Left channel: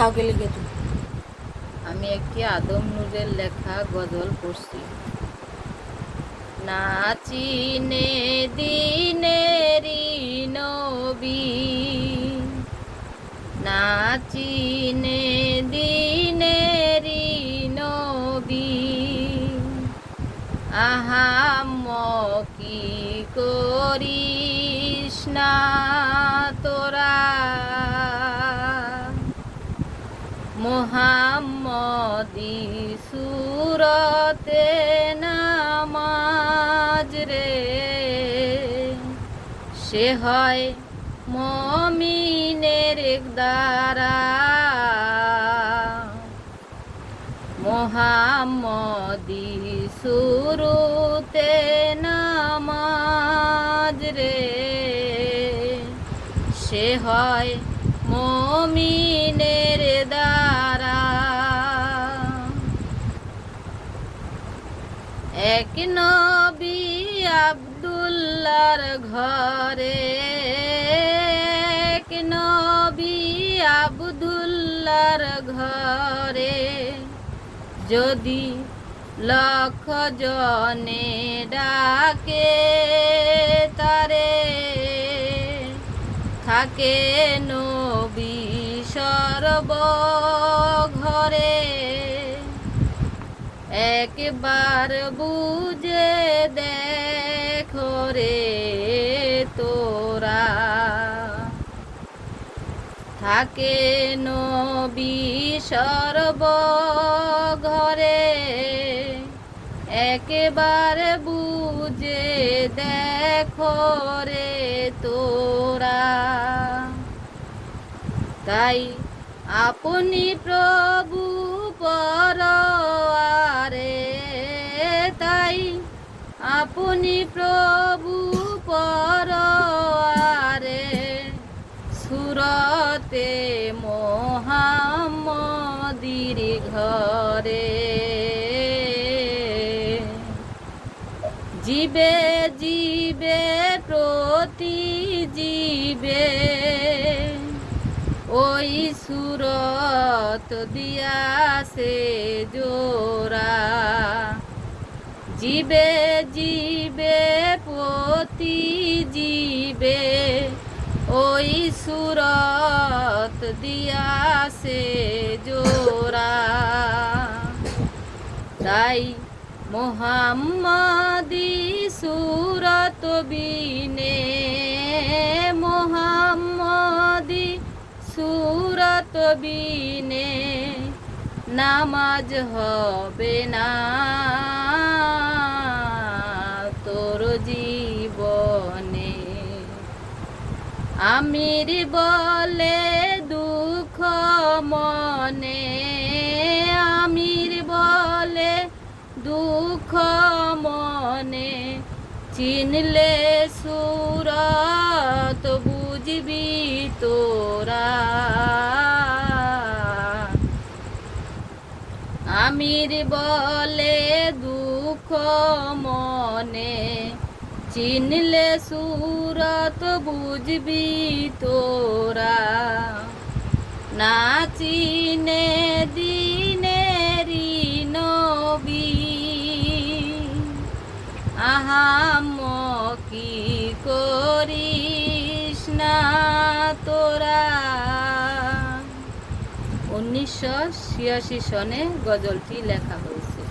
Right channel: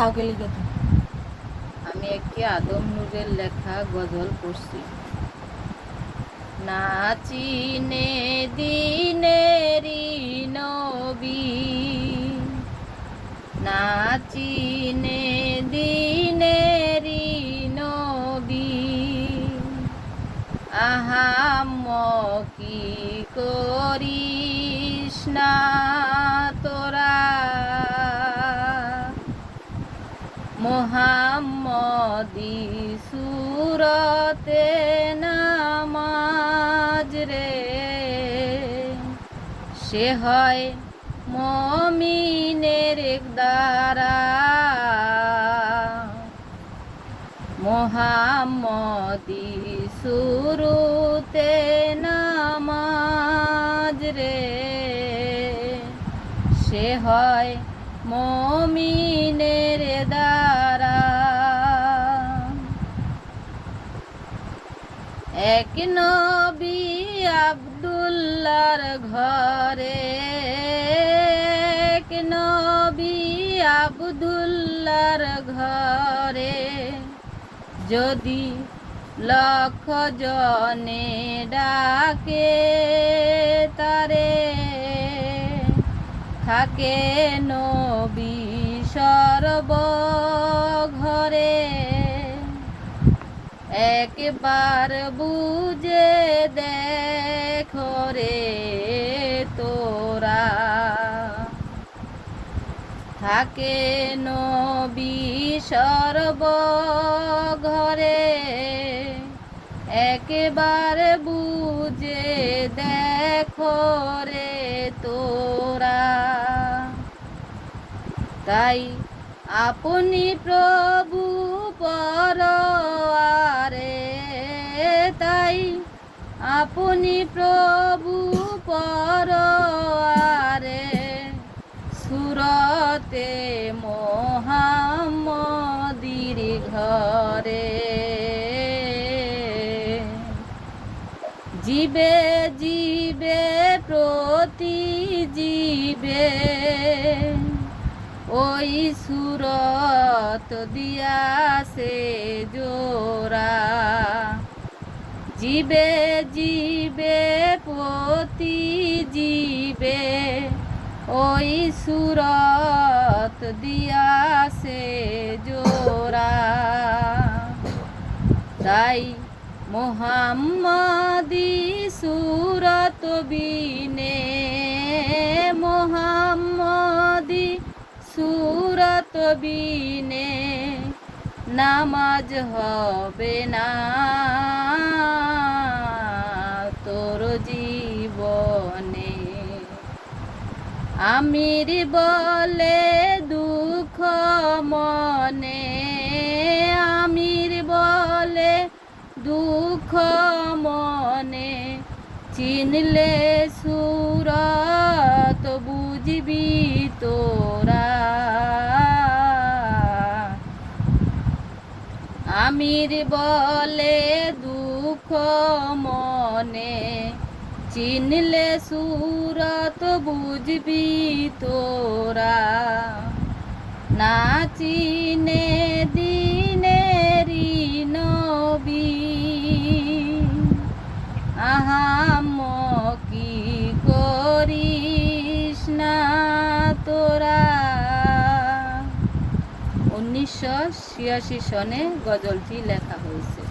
কাউকে লিখে তো আমি একটি আদম নূরের লেখা গজল পড়ছি। নাচিনে দিনেরি নবী, নাচিনে দিনেরি নবী, আহাম কি করিস না তোরা, মোহাম্মদী সুরতে নামাজ রে, সে হয় মমিনের দ্বারা, মোহাম্মদী সুরতে নামাজ রে, সে হয় মমিনের দ্বারা। এক নবী আব্দুল্লাহর ঘরে, এক নবী আব্দুল্লাহর ঘরে, যদি লক্ষ জনে ডাকে তারে, থাকে নবী সর্বঘরে, একবার বুঝে দেখো রে তোরা, থাকে নবী সর্বঘরে, একবার বুঝে দেখো রে তোরা। তাই আপনি প্রভু পরোয়ারে, তাই আপনি প্রভু পরোয়ারে, সুরতে মোহাম্মদীর ঘরে, জীবে জীবে প্রতি জীবে ওই সুরত দিয়াছে জোড়া, জীবে জীবে প্রতি জীবে ওই সুরত দিয়াছে জোড়া। তাই মোহাম্মদী সুরত বিনে, মোহাম্মদী সুরত বিনে নামাজ হবে না তোর জীবনে। আমির বলে দুঃখ মনে, আমির বলে দুঃখ মনে, চিনলে সুরত বুঝবি তোরা। আমির বলে দুঃখ মনে, চিনলে সুরত বুঝবি তোরা। না চিনে দিনেরি নবী, আহাম কি করিস না তোরা। 1986 সনে গজলটি লেখা হয়েছে।